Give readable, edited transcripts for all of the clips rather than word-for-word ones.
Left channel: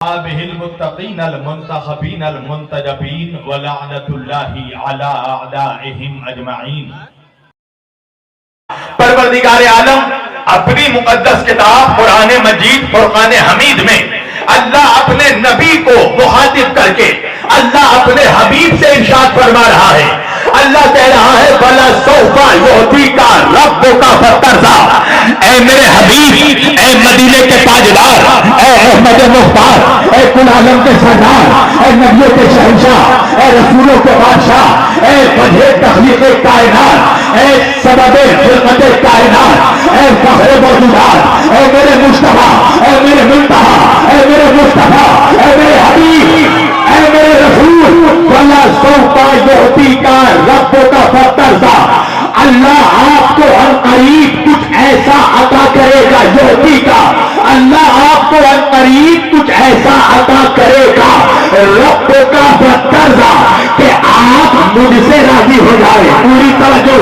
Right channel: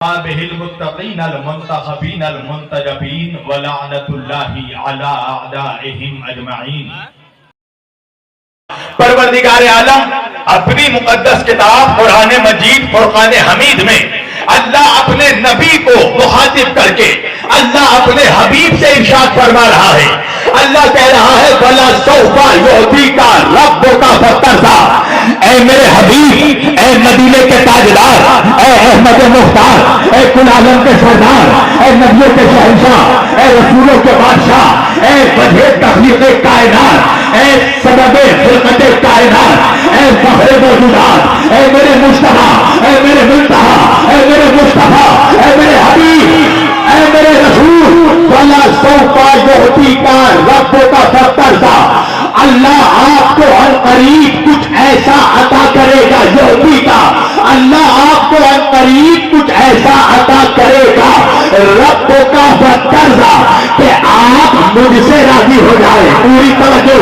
به المتقین المنتخبین المنتجبین ولعنت اللہ علی اعدائهم اجمعین۔ پروردگار عالم اپنی مقدس کتاب قرآن مجید فرقان حمید میں اللہ اپنے نبی کو مخاطب کر کے اللہ اپنے حبیب سے ارشاد فرما رہا ہے۔ اللہ کہہ رہا ہے وَلَسَوْفَ يُعْطِيكَ رَبُّكَ فَتَرْضَىٰ، اے میرے حبیب، اے مدینے کے تاجدار، اے احمد مختار، اے کل عالم کے سردار، اے نبیوں کے شہنشاہ، اے رسولوں کے بادشاہ، اے وجہ تخلیق کائنات، اے سبب خلقت کائنات، اے فخر موجودات، اے میرے مصطفیٰ، اے میرے منتہا، اے میرے مصطفیٰ، اے میرے حبیب، اے میرے رسول، وَلَسَوْفَ يُعْطِيكَ رَبُّكَ فَتَرْضَىٰ، اللہ آپ کو عنقریب کچھ ایسا عطا کرے گا، یعطی کا، اللہ آپ کو عنقریب کچھ ایسا عطا کرے گا، رَبُّكَ فَتَرْضَىٰ، کہ آپ مجھ سے راضی ہو جائے۔ پوری توجہ،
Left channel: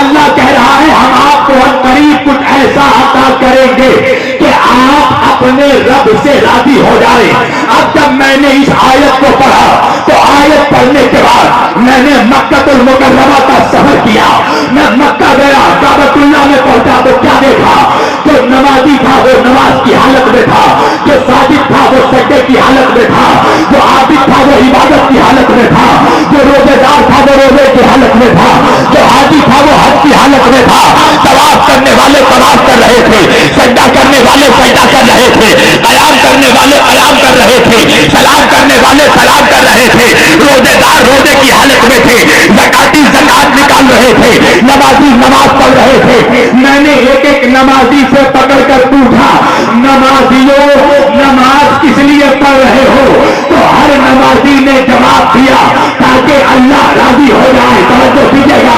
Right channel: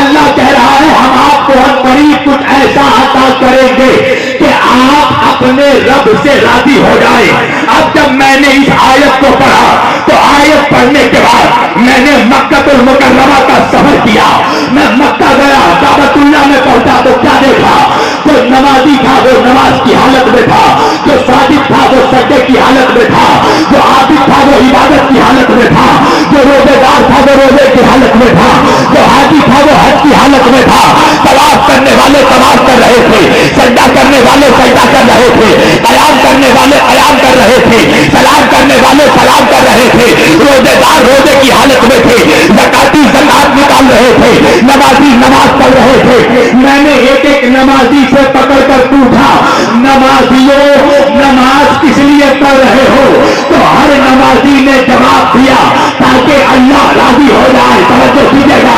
اللہ کہہ رہا ہے ہم آپ کو عنقریب کچھ ایسا عطا کریں گے کہ آپ اپنے رب سے راضی ہو جائے۔ اب جب میں نے اس آیت کو پڑھا تو آیت پڑھنے کے بعد میں نے مکہ المکرمہ کا سفر کیا، میں مکہ گیا، کعبۃ اللہ میں پہنچا تو کیا دیکھا؟ جو نمازی تھا وہ نماز کی حالت میں تھا، جو ساجد تھا وہ سجدے کی حالت میں تھا، جو عابد تھا وہ عبادت کی حالت میں تھا، جو روزے دار تھا وہ روزے کی حالت میں تھا، جو حاجی تھا وہ حج کی حالت میں تھا۔ طواف کرنے والے طواف کر رہے تھے، سجدہ کرنے والے سجدہ کر رہے تھے، قیام کرنے والے قیام کر رہے تھے، سلام کرنے والے سلام کر رہے تھے، روزے دار روزے کی حالت میں تھے، زکاتی زکات نکال رہے تھے، نمازی نماز پڑھ رہے تھے۔ میں نے ایک ایک نمازی سے پکڑ کر پوچھا نمازیوں نماز کس لیے پڑھ رہے ہو؟ تو ہر نمازی نے جواب دیا تاکہ اللہ راضی ہو جائے۔ توجہ کیجیے گا،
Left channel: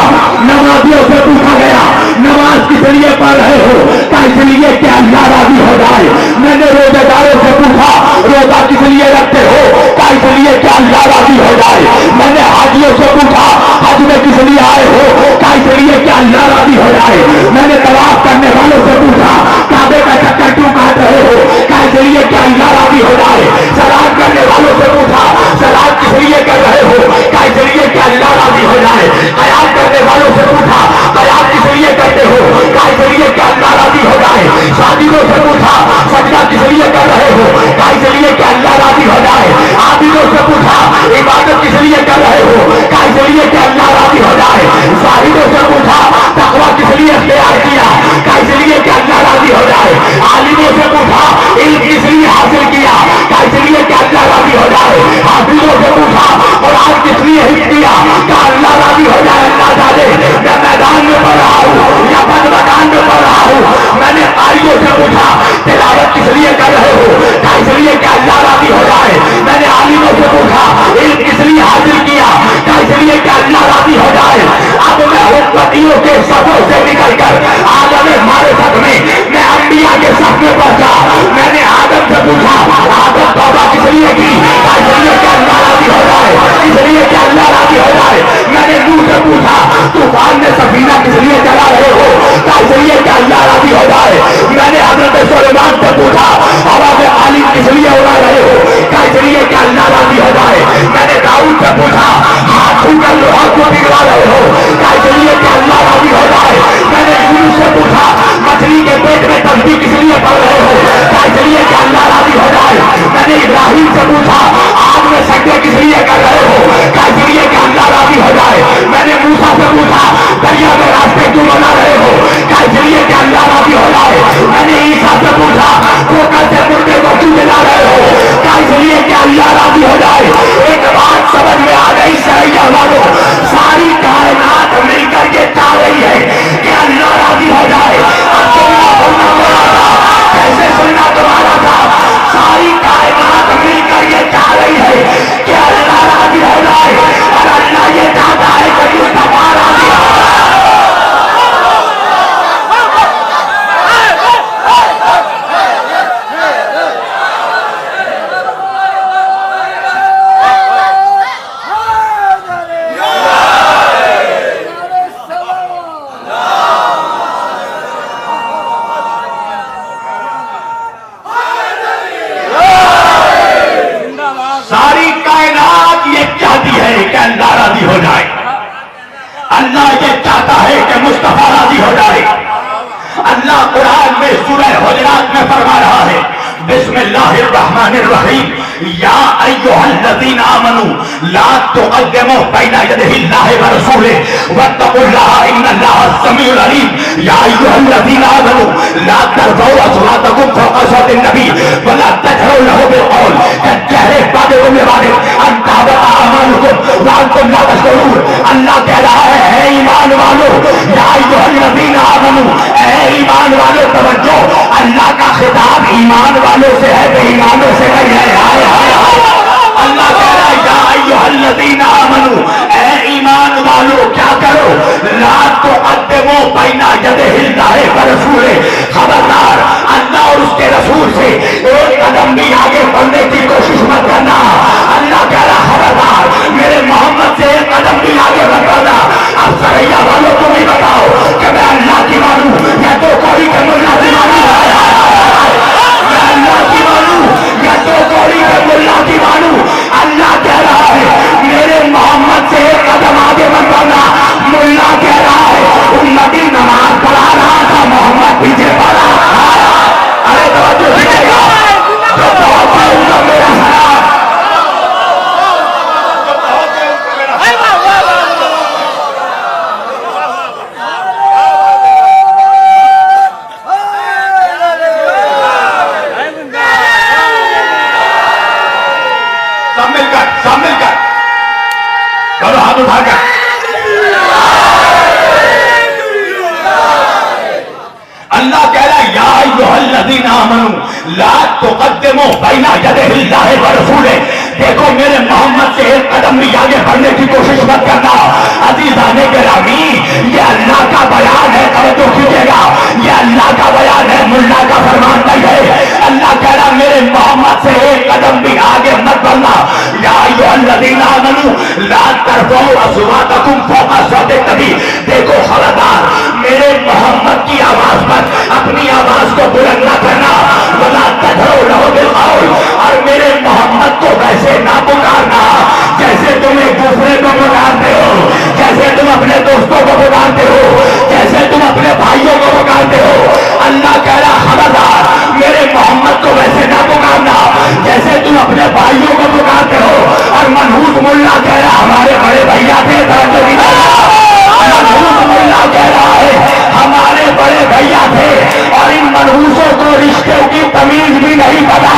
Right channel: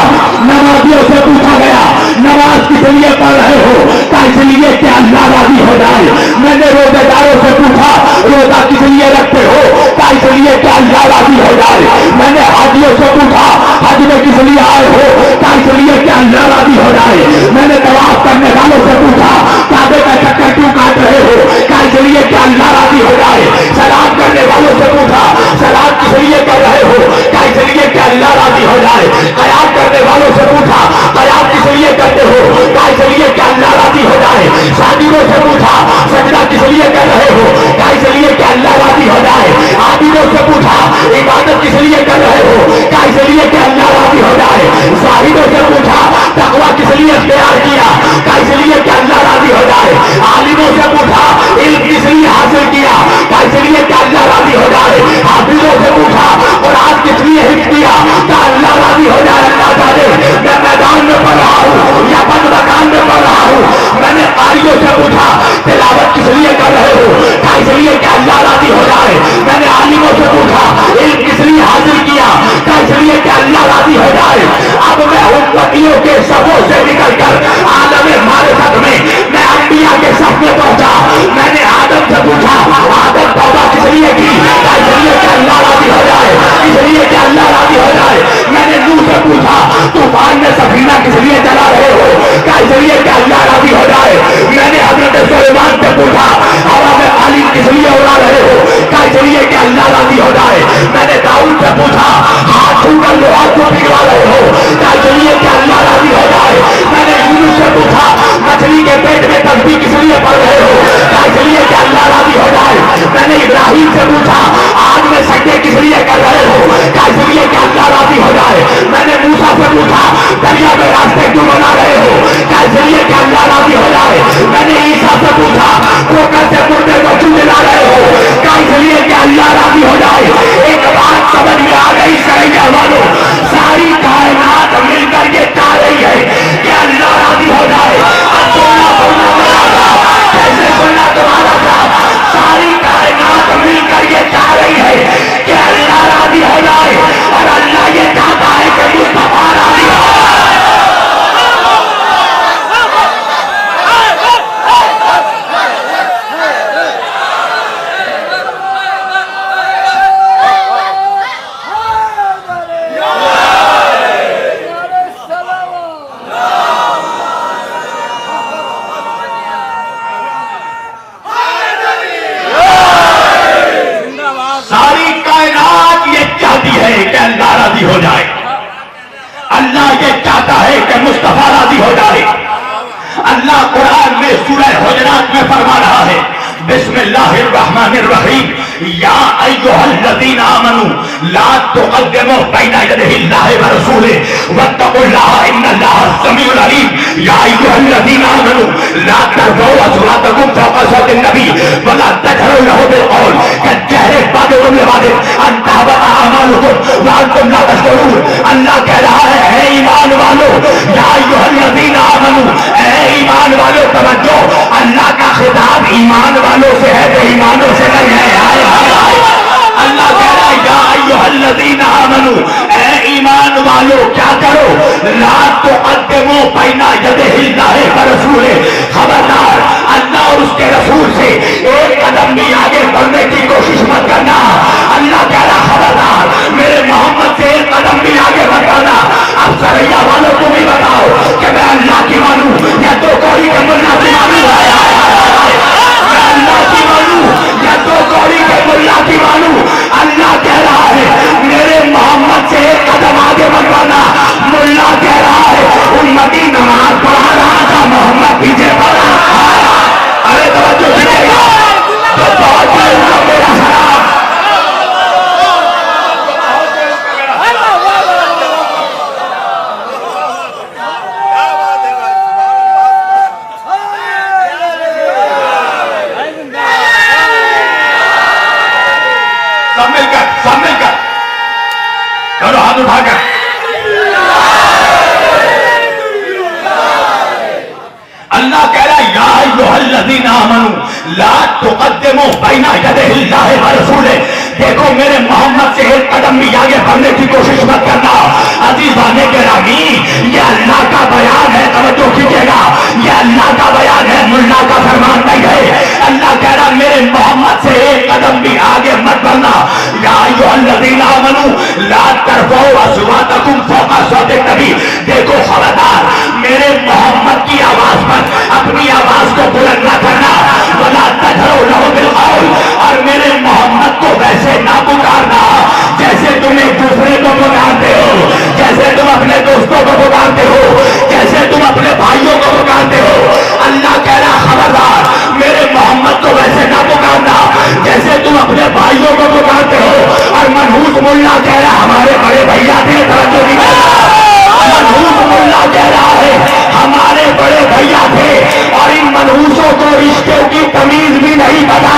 نمازیوں سے پوچھا گیا نماز کس لیے پڑھ رہے ہو؟ تو اس لیے کہ اللہ راضی ہو جائے۔ میں نے روزے داروں سے پوچھا روزہ کس لیے رکھتے ہو؟ تو اس لیے کہ اللہ راضی ہو جائے۔ میں نے حاجیوں سے پوچھا حج میں کس لیے آئے ہو؟ تو اس لیے کہ اللہ راضی ہو جائے۔ میں نے طواف کرنے والوں سے پوچھا کعبے کا چکر کیوں کاٹ رہے ہو؟ تو اس لیے کہ اللہ راضی ہو جائے۔ سلام کرنے والوں سے پوچھا سلام کس لیے کر رہے ہو؟ تو اس لیے کہ اللہ راضی ہو جائے۔ قیام کرنے والوں سے پوچھا قیام کس لیے کرتے ہو؟ تو اس لیے کہ اللہ راضی ہو جائے۔ ساجدوں سے پوچھا سجدہ کس لیے کر رہے ہو؟ تو اس لیے کہ اللہ راضی ہو جائے۔ عابدوں سے پوچھا عبادت کس لیے کر رہے ہو؟ تو اس لیے کہ اللہ راضی ہو جائے۔ زاہدوں سے پوچھا تقویٰ کس لیے اختیار کیا؟ تو اس لیے کہ اللہ راضی ہو جائے۔ عالموں سے پوچھا علم کس لیے حاصل کیا؟ تو اس لیے کہ اللہ راضی ہو جائے۔ حافظوں سے پوچھا قرآن کس لیے حفظ کیا؟ کہ اللہ راضی ہو جائے۔ اللہ جانے میں میدان میں پڑھ رہا ہوں یا بند مکان میں پڑھ رہا ہوں۔ میں نے قاریوں سے پوچھا تلاوت کس لیے کر رہے ہو؟ تو اس لیے کہ اللہ راضی ہو جائے۔ میں نے عالموں سے پوچھا علم کس لیے حاصل کیا؟ تو اس لیے کہ اللہ راضی ہو جائے۔ اب میں امتیوں کے صفوں سے نکل کر عالم معرفت میں میں انبیاء کے صف میں پہنچا۔ میں نے آدم سے پوچھا آدم توبہ کس لیے کی؟ تو اس لیے کہ اللہ راضی ہو جائے، اس لیے کہ اللہ راضی ہو جائے۔ میں نے نوح سے پوچھا طوفان میں سفینہ کس لیے چلا رہے ہو؟ تو اس لیے کہ اللہ راضی ہو جائے۔ میں نے حضرت سلیمان سے پوچھا ہوا میں عالم کس لیے اڑا رہے ہو؟ تو اس لیے کہ اللہ راضی ہو جائے۔ میں نے داؤد سے پوچھا ہاتھ چھو کر لوہا کیوں پگھلا رہے ہو؟ تو اس لیے کہ اللہ راضی ہو جائے۔ میں نے یونس سے پوچھا مچھلی کے پیٹ میں تسبیح کس لیے پڑھ رہے ہو؟ تو اس لیے کہ اللہ راضی ہو جائے۔ میں نے ابراہیم سے پوچھا آگ میں سجدے کس لیے کر رہے ہو؟ تو اس لیے کہ اللہ راضی ہو جائے۔ میں نے موسیٰ سے پوچھا دریا میں راستے کیوں بنا رہے ہو؟ تو اس لیے کہ اللہ راضی ہو جائے۔ میں نے عیسیٰ سے پوچھا ٹھوکر سے مردے کو کیوں جلا رہے ہو؟ تو اس لیے کہ اللہ راضی ہو جائے۔ ایک بات سمجھ میں آ گئی سریا والوں، ساری کائنات مل کر یہ چاہ رہی ہے کہ اللہ راضی ہو جائے۔ اب سننا تمہارا تھا، کیسے سننا تمہارا تھا؟ ساری کائنات مل کر یہ چاہ رہی ہے کہ اللہ راضی ہو جائے، اور اللہ یہ چاہتا ہے کہ مصطفیٰ راضی ہو۔ ہے کہ اللہ راضی ہو جائے، اللہ یہ چاہتا ہے کہ مصطفیٰ راضی ہو جائے۔ اللہ قرآن میں سورہ حجرات میں فرما رہا ہے، بسم اللہ الرحمن الرحیم، یا ایھا الذین آمنوا لا تقدموا بین یدی اللہ ورسولہ واتقوا اللہ ان اللہ سمیع علیم۔ یا ایھا الذین آمنوا لا ترفعوا اصواتکم فوق صوت النبی ولا تجهروا له بالقول كالجهر بعضكم لبعض ان تحبط اعمالکم وانتم لا تشعرون۔ اللہ کہہ رہا ہے اے ایمان والو، یا ایھا الذین آمنوا، اے ایمان والو توجہ، اللہ کا خطاب ایمان والوں سے ہے، بے ایمانوں سے نہیں ہے۔ اللہ کہہ رہا ہے یا ایھا الذین آمنوا، اے ایمان والو کیا کرو، لا تقدموا بین یدی اللہ ورسولہ، خبردار اللہ اور اس کے رسول سے ایک قدم بھی آگے بڑھنے کی کوشش مت کرنا۔ اللہ کہہ رہا خبردار میرے محمد سے ایک قدم بھی آگے مت بڑھنا۔ اب سریا والوں کو بھی بتاؤ کہ میں اللہ کی مانوں یا تو کوئی کہ ملا کی مانوں، میں اللہ کی مانوں یا تو کوئی کہ ملا کی مانوں۔ اللہ کہہ رہا ہے میرے محمد سے ایک قدم آگے مت بڑھنا۔ ملا کہہ رہا ہے امتی نماز پڑھا رہا تھا، محمد پیچھے پڑھا۔ ارے توجہ دیجیے گا، جو توجہ ہوگا میرا سلام۔ سب مل کر کرو ہاتھ اٹھا کر اللہ کہہ رہا ہے یا ایھا الذین آمنوا لا تقدموا بین یدی اللہ ورسولہ، دیکھو میرے محمد سے ایک قدم بھی آگے بڑھنے کی کوشش مت کرنا۔ عزیزان گرامی یہ اللہ کا بیان ہے، توجہ کیجیے گا، یہ اللہ کا بیان ہے، ملا کا فرمان نہیں ہے۔ اللہ کہہ رہا میرے محمد سے ایک قدم بھی آگے مت بڑھنا۔ یا ایھا الذین آمنوا لا ترفعوا اصواتکم فوق صوت النبی، دیکھو خبردار میرے محمد کی آواز پر اپنی آواز کو بلند نہ کرنا، ولا تجهروا له بالقول، اور میرے محمد کو ویسے نہ پکارنا جیسے تم ایک دوسرے کو پکارتے ہو، جیسے تم اپنے دوستوں کو پکارتے ہو، جیسے تم اپنے بھائیوں کو پکارتے ہو۔ اللہ کہہ رہا خبردار میرے محمد کو ویسے نہ پکارنا جیسے تم اپنے بھائیوں کو پکارتے ہو۔ اور منحوس ملا کہہ رہا ہمارے بڑے بھیا تھے، توجہ بھی منحوس ملا کہہ رہا ہے ہمارے بڑے بھیا تھے، اور ان منحوسوں کو رشتوں کی تمیز بھی نہیں پتا۔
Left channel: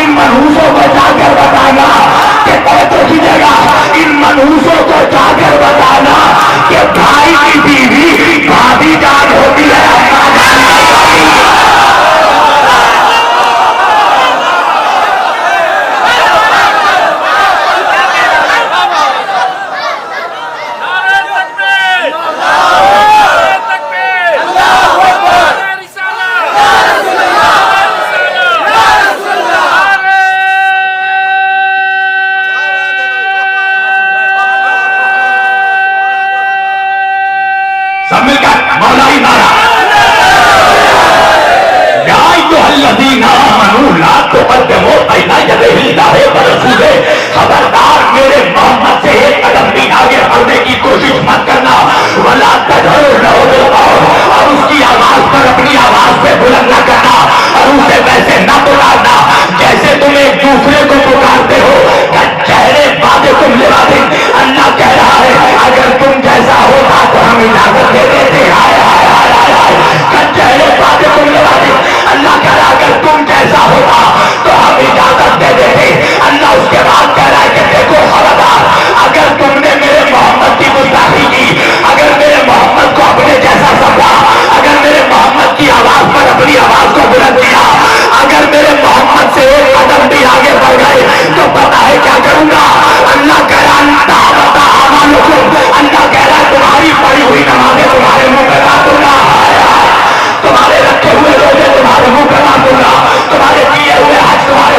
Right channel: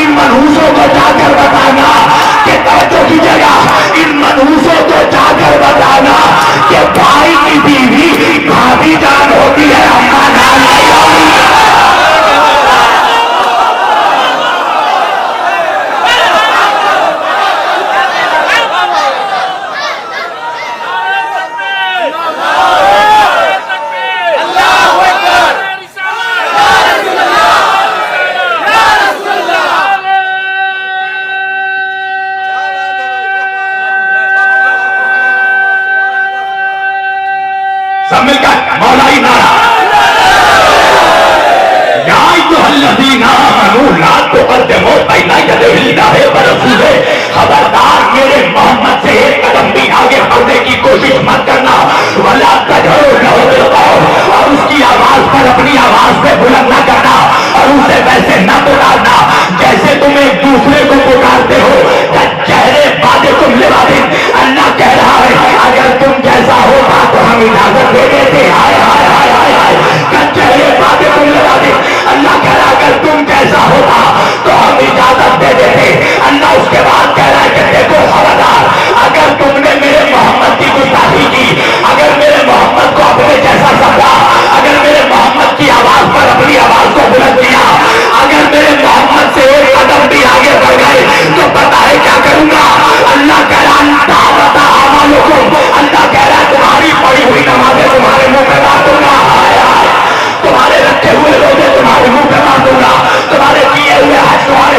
ان منحوسوں کو جا کر بتانا کہ توجہ کیجیے گا، ان منحوسوں کو جا کر بتانا کہ بھائی کی بیوی بھابھی جان ہوتی ہے، اماں جان نہیں ہوتی۔ سب مل کر مولائی مارا یا ایھا الذین آمنوا لا تقدموا بین یدی اللہ ورسولہ، خبردار میرے محمد سے ایک قدم بھی آگے بڑھنے کی کوشش مت کرنا، ولا تجهروا له بالقول، اور اس کی آواز پر اپنی آواز سے بلند نہ کرنا، اور اسے ویسے نہ پکارنا جیسے تم ایک دوسرے کو پکارتے ہو، چہرے بعضکم لبعض۔ اللہ کہہ رہا ہے اگر تم جیسا ہوتا تو ہم اجازت دیتے تھے، چہرے بعضکم لبعض۔ اللہ کہہ رہا اگر تم جیسا ہوتا تو ہم اجازت دے دیتے۔ اللہ اس کے بعد کہہ رہا ہے کہ دیکھو خبردار اگر تم نے میرے محمد کی گستاخی کی، اگر میرے محمد کو اپنے جیسا سمجھا، اگر میرے محمد کی آواز پر اپنی آواز کو بلند کیا، اگر میرے محمد سے ایک قدم بھی آگے بڑھ گئے تو پتا ہے کیا کروں گا۔ اللہ کہہ رہا اللہ کہہ رہا ہے تمہاری پڑھی ہوئی نمازیں تمہارے منہ پہ ڈال دوں گا، تمہارے رکھے ہوئے روزے تمہارے منہ پہ ڈال دوں گا، تمہارے کیے ہوئے حج تمہارے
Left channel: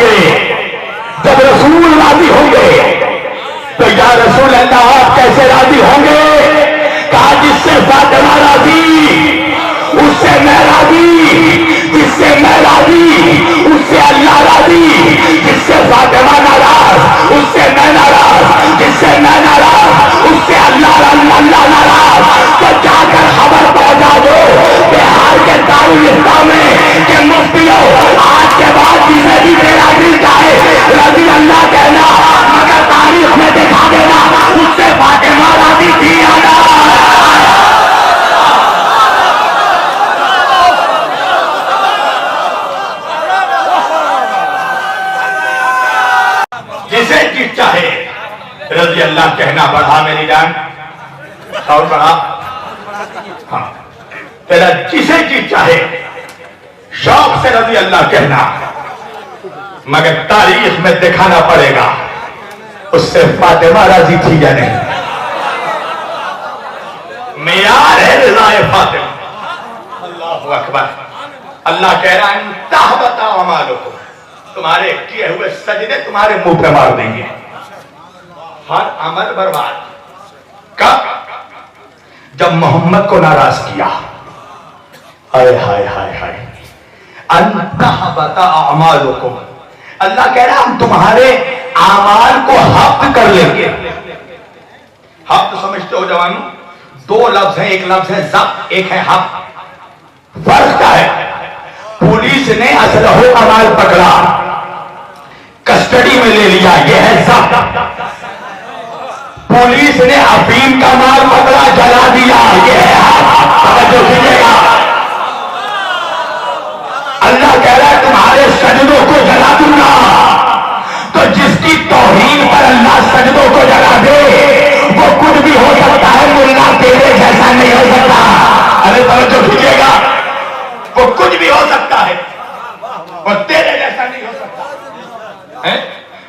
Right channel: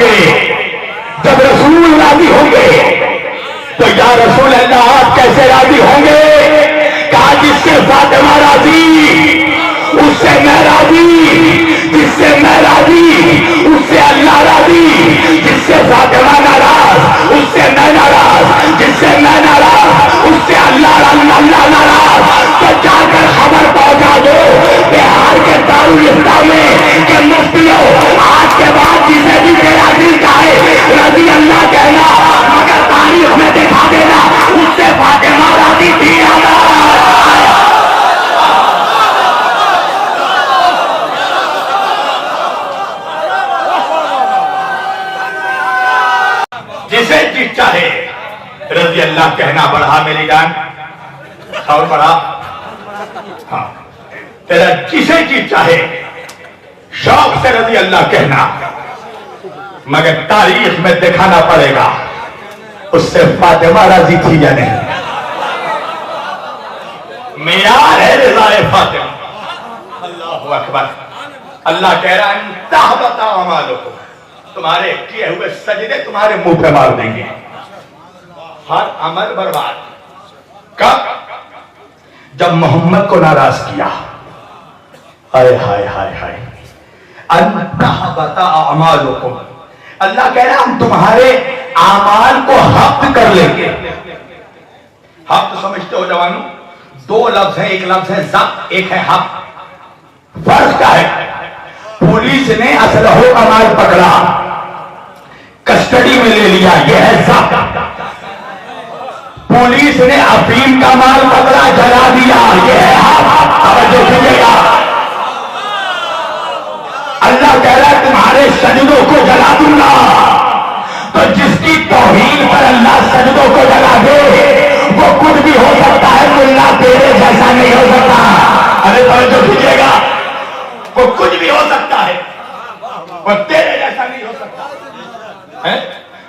گے، جب رسول راضی ہوں گے تو یا رسول اللہ آپ کیسے راضی ہوں گے؟ کہا جس سے فاطمہ راضی اس سے میں راضی، جس سے میں راضی اس سے اللہ راضی، جس سے فاطمہ ناراض اس سے میں ناراض، جس سے میں ناراض اس سے اللہ ناراض۔ تو جا کر خبر پہنچا دو بہار کے دارالاسلام میں کہ مفتیوں آج کے بعد جسے بھی میرا دل چاہے رضی اللہ کہنا، مگر تاریخ میں دکھا دینا اس سے فاطمہ راضی تھی یا نہ۔ جسے جس چاہے رضی اللہ کہنا، بڑھا میری جان اور بڑھا، ہاں تیرا جسے جس چاہے شوق سے رضی اللہ کہنا، مگر تاریخ میں دکھانا پڑے گا اس سے فاطمہ راضی تھی یا نہیں۔ معیار ہے رضا فاطمہ۔ اللہ اکبر۔ اللہ کہہ رہا ہے تحبط اعمالکم، تمہارے کیے ہوئے سجدے تمہارے منہ پہ مار دیں گے، ہر عمل برباد۔ کب؟ جب محمد کو ناراض کیا۔ ہائے ہائے ہائے ہائے، ان تحبط اعمالکم، اللہ کہہ رہا ہم تمہارے اعمال کو حفظ کر لیں گے۔ حفظ سمجھتے ہو جوانوں؟ دو لفظ ہیں، ایک لفظ ہے ضبط، ایک ہے حفظ۔ فرض کیا ہے؟ پولیس نے اسلحہ کا مال پکڑا، کسٹڈی میں لے لیا، یہ ہے ضبط۔ پولیس نے افیم کا مال پکڑا، جلا دیا، یہ ہے حفظ۔ توجہ کیجیے گا، اللہ کہہ رہا ہے تمہارے سجدوں کو جلا دوں گا۔ تو جس کی توہین پر اللہ سجدوں کو جلا دے وہ کچھ بھی ہو سکتا ہے، ملا تیرے جیسا نہیں ہو سکتا۔ ارے توجہ کیجیے گا، وہ کچھ بھی ہو سکتا ہے، وہ تیرے جیسا نہیں ہو سکتا۔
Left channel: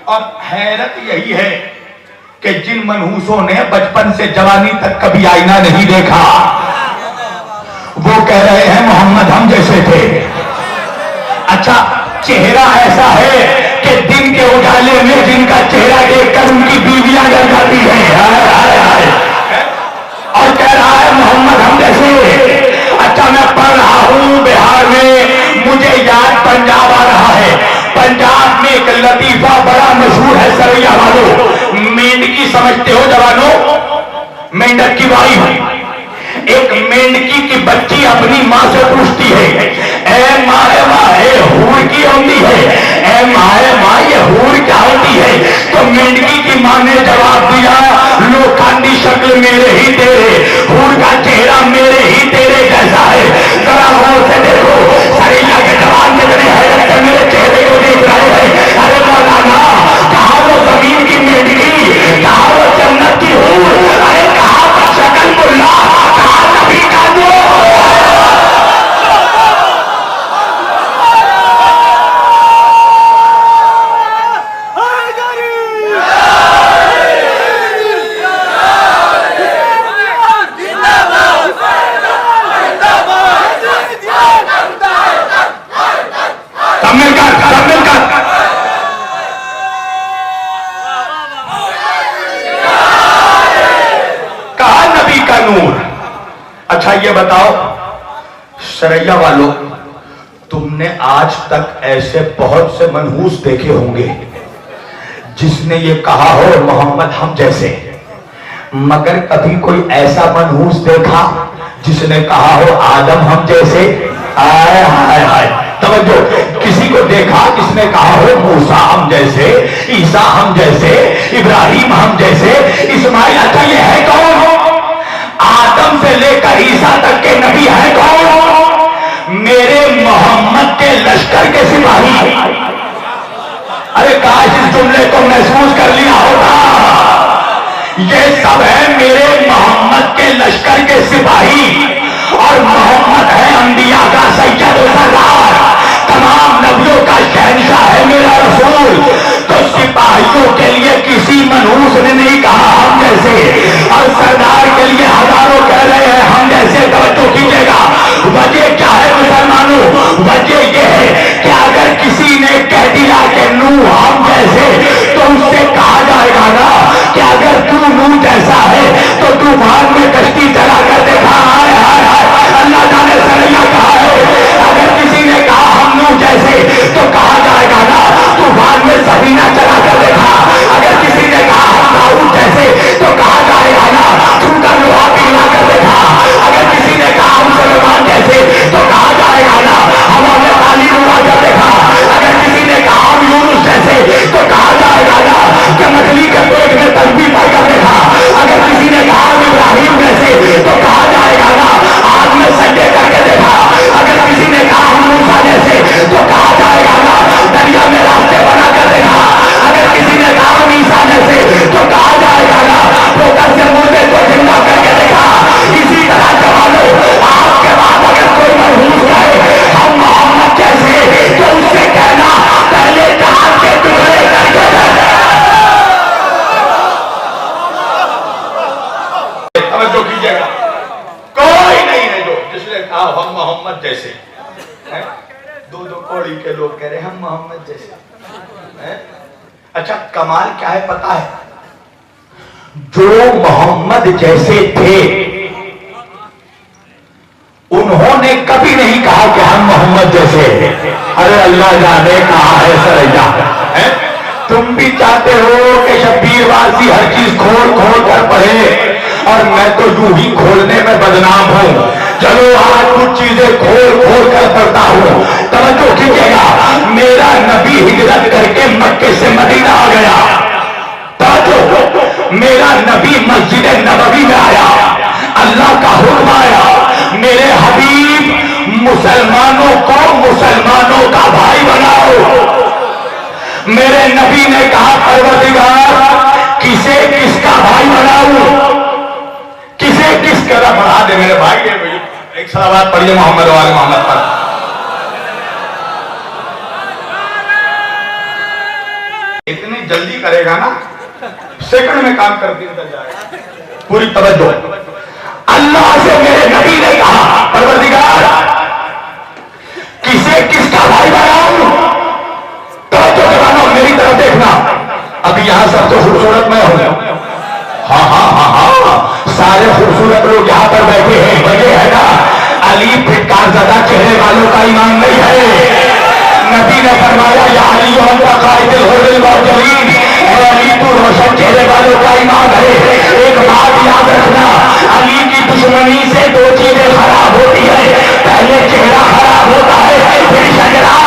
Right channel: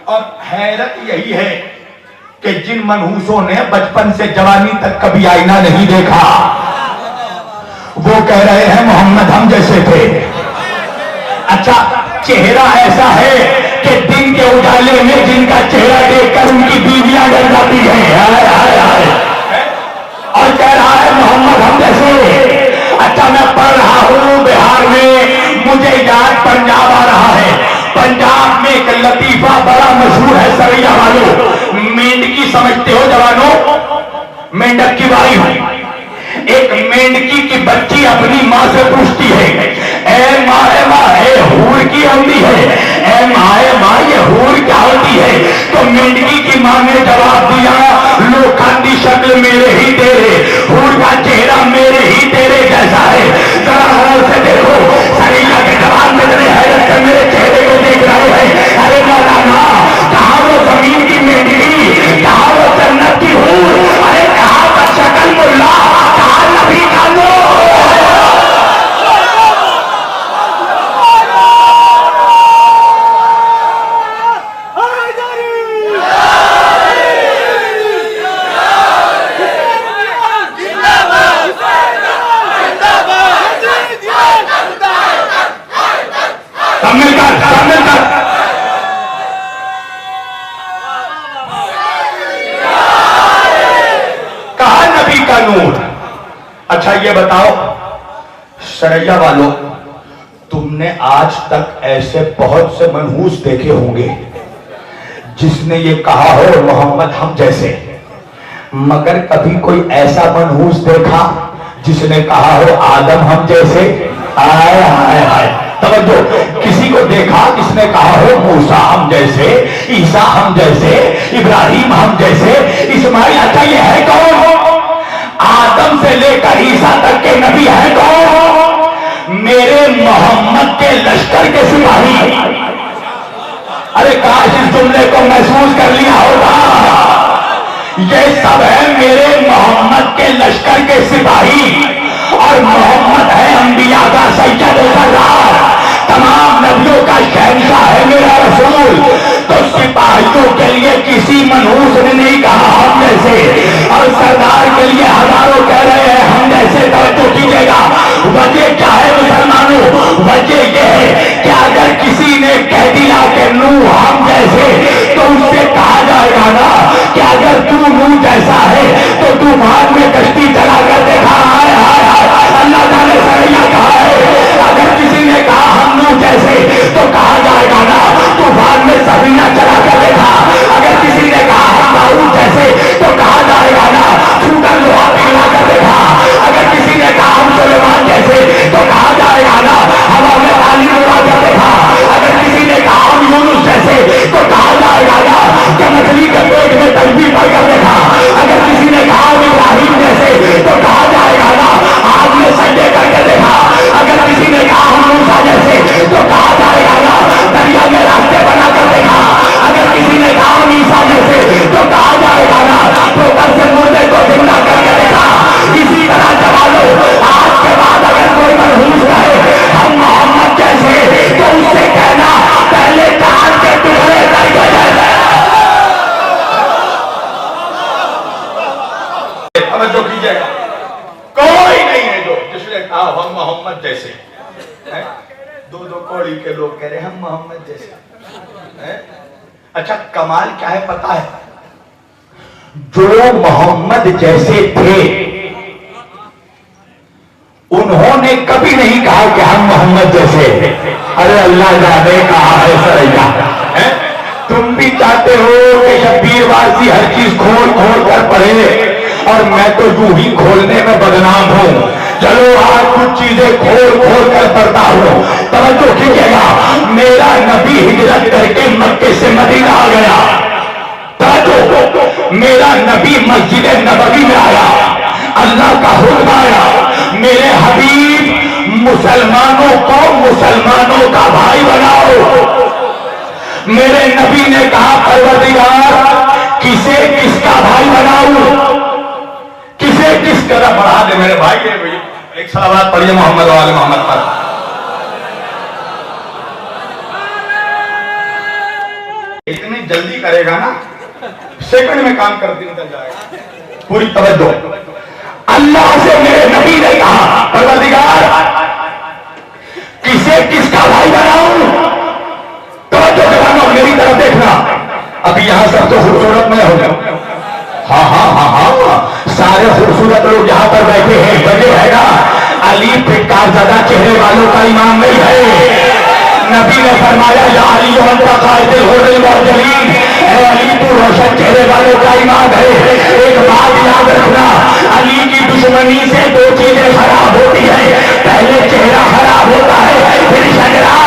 اور حیرت یہی ہے کہ جن منحوسوں نے بچپن سے جوانی تک کبھی آئینہ نہیں دیکھا وہ کہہ رہے ہیں محمد ہم جیسے تھے۔ اچھا چہرہ ایسا ہے کہ دن کے اجالے میں جن کا چہرہ دیکھ کر ان کی بیویاں ڈر جاتی ہیں، اور کہہ رہا ہے محمد ہم جیسے۔ اچھا میں پڑھ رہا ہوں بہار میں، مجھے یاد پنجاب آ رہا ہے، پنجاب میں ایک لطیفہ بڑا مشہور ہے سریا والوں، مینڈکی سمجھتے ہو جوانوں؟ مینڈک کی باری ہوئی، ایک مینڈکی کی بچی اپنی ماں سے پوچھتی ہے اے ماں یہ حور کی ہوتی ہے، اے ماں یہ حور کیا ہوتی ہے؟ تو مینڈکی کی ماں نے جواب دیا لوکھانڈی شکل میرے ہی تیرے، حور کا چہرہ میرے ہی تیرے جیسا ہے۔ ذرا غور سے دیکھو سریا کے جوان کتنے حیرت سے میرے چہرے کو دیکھ رہے ہیں۔ ارے مولانا کہاں وہ زمین کی مینڈکی، کہاں وہ جنت کی حور، ارے کہاں پر شکل ملا، کہاں نبی کا نور۔ اچھا یہ بتاؤ سریا والوں، تم نے آج تک ایسے بہت سے منحوس دیکھے ہوں گے جس نے یہ کہا ہو محمد ہم جیسے، مگر کبھی کوئی ایسا منحوس دیکھا جس نے کہا ہو آدم ہم جیسے؟ آئے ہائے ہائے، توجہ، کسی کو دیکھا کس نے کہا ہو موسیٰ ہم جیسے، عیسیٰ ہم جیسے، ابراہیم ہم جیسے، اسماعیل؟ اچھا یہ ہے کون ہو؟ آدم سے لے کر عیسیٰ تک کے نبی ہے کون؟ میرے محمد کے لشکر کے سپاہی۔ ارے کاش اس جملے کو محسوس کر لیا ہوتا، یہ سب ہے میرے محمد کے لشکر کے سپاہی، اور محمد ہے انبیاء کا سید و سردار، تمام نبیوں کا شہنشاہ ہے میرا رسول۔ تو سپاہیوں کے لیے کسی منحوس نے نہیں کہا ہم جیسے، اور سردار کے لیے ہزاروں کہہ رہے ہیں ہم جیسے۔ توجہ کیجیے گا، وجہ کیا ہے مسلمانوں؟ وجہ یہ ہے کہ اگر کسی نے کہہ دیا کہ کشتی چلا کر دیکھا. اللہ جانے سریا کہا ہے. اگر کسی نے کہا ہم نوح جیسے تو کہا جائے گا نا طوفان میں سفینہ چلا کر دیکھا. اگر کسی نے کہا ہم داؤد جیسے تو کہا جائے گا نا چھوٹا لوہا کھلا کر دیکھا. اگر کسی نے کہا ہم سلیمان جیسے تو کہا جائے گا نا ہوا میں پانی اڑا کر دیکھا. اگر کسی نے کہا ہم یونس جیسے تو کہا جائے گا نا کہ مچھلی کے پیٹ میں تسبیح پڑھ کر دیکھا. اگر کسی نے کہا ہم ابراہیم جیسے تو کہا جائے گا نا آگ میں سجدے کر کے دیکھا. اگر کسی نے کہا ہم موسیٰ جیسے تو کہا جائے گا نا دریا میں راستے بنا کر دیکھا. اگر کسی نے کہا ہم عیسیٰ جیسے تو کہا جائے گا نا ٹھوکر سے مردے کو زندہ کر کے دیکھا. اسی طرح جوانوں آج کے بعد اگر کوئی منحوس ہے ہم محمد جیسے تو اس سے کہنا پہلے چاند کے ٹکڑے کر کے دیکھا. توجہ کیجیے گا, کوئی نہیں ہے جو جس نے کہا ہم محمد جیسے. دو کوڑی کے لوگ کہہ رہے ہم محمد جیسے. اچھا کمال کیا ہے پتا ہے؟ جو محمد جیسے تھے انہوں نے کبھی نہیں کہا کہ ہم محمد جیسے. ارے اللہ جانے کہا ہے سریا. تم بھی چاہتے ہو کہ شبیر واسی ہر چیز کھول کھول کر پڑھے اور میں تو یوں ہی کھولنے میں بدنام ہوں. چلو آج کچھ چیزیں کھول کھول کر پڑھتا ہوں. توجہ کیجیے گا, میرا نبی ہجرت کر کے مکے سے مدینہ آ گیا. توجہ, میرا نبی مسجد نبوی میں آیا, اللہ کا حکم آیا میرے حبیب مسلمانوں کو مسلمانوں کا بھائی بناؤ. میرے نبی نے کہا پروردگار کسے کس کا بھائی بناؤں, کسے کس کا بڑھا دے میرے بھائی. ایک صلوات پڑھیے محمد و آل محمد پر. اتنی جلدی کرے گا نا سیکنڈ میں کام کر دیا جائے گا. پوری توجہ. اللہ سے میرے نبی نے کہا پروردگار کسے کس کا بھائی بناؤں. توجہ جوانوں میری طرف دیکھنا. ابھی یہاں سب تو خوبصورت میں ہو گیا. ہاں ہاں ہاں ہاں سارے خوبصورت لوگ یہاں پر بیٹھے ہیں. وجہ ہے نا علی پھٹکار زدہ چہرے والوں کا ایمان نہیں ہے. نبی نے فرمایا یا علی انت قائد الہدى المرسلین, اے علی تو روشن چہرے والوں کا ایمان ہے. ایک بات یاد رکھنا, علی کی دشمنی سے دو چیزیں خراب ہوتی ہے. پہلے چہرہ خراب ہوتا ہے پھر شجرہ.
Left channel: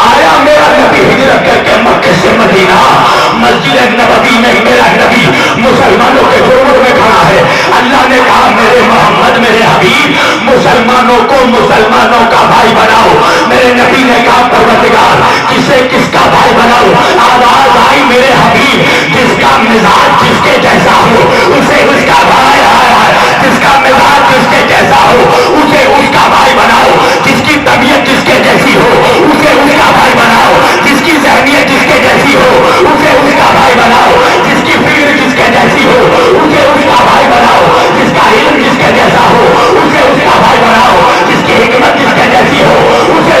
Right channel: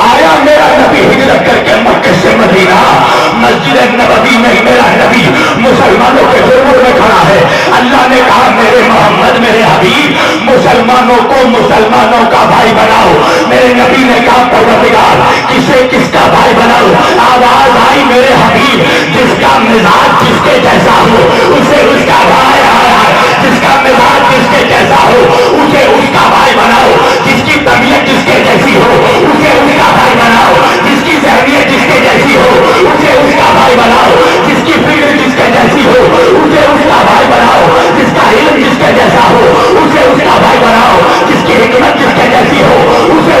آیا میرا نبی ہجرت کر کے مکے سے مدینہ, مسجد نبوی میں میرا نبی مسلمانوں کے خدمت میں کھڑا ہے. اللہ نے کہا میرے محمد میرے حبیب مسلمانوں کو مسلمانوں کا بھائی بناؤ. میرے نبی نے کہا پروردگار کسے کس کا بھائی بناؤ. آواز آئی میرے حبیب جس کا مزاج جس کے جیسا ہو اسے اس کا بھائی, جس کا مزاج جس کے جیسا ہو اسے اس کا بھائی بناؤ. جس کی طبیعت جس کے جیسی ہو اسے اس کا بھائی بناؤ. جس کی ذہنیت جس کے جیسی ہو اسے اس کا بھائی بناؤ. جس کی فکر جس کے جیسی ہو اسے اس کا بھائی بناؤ. جس کا علم جس کے جیسا ہو اسے اس کا بھائی بناؤ. جس کی حکمت جس کے جیسی ہو اسے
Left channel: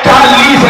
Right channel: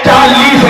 40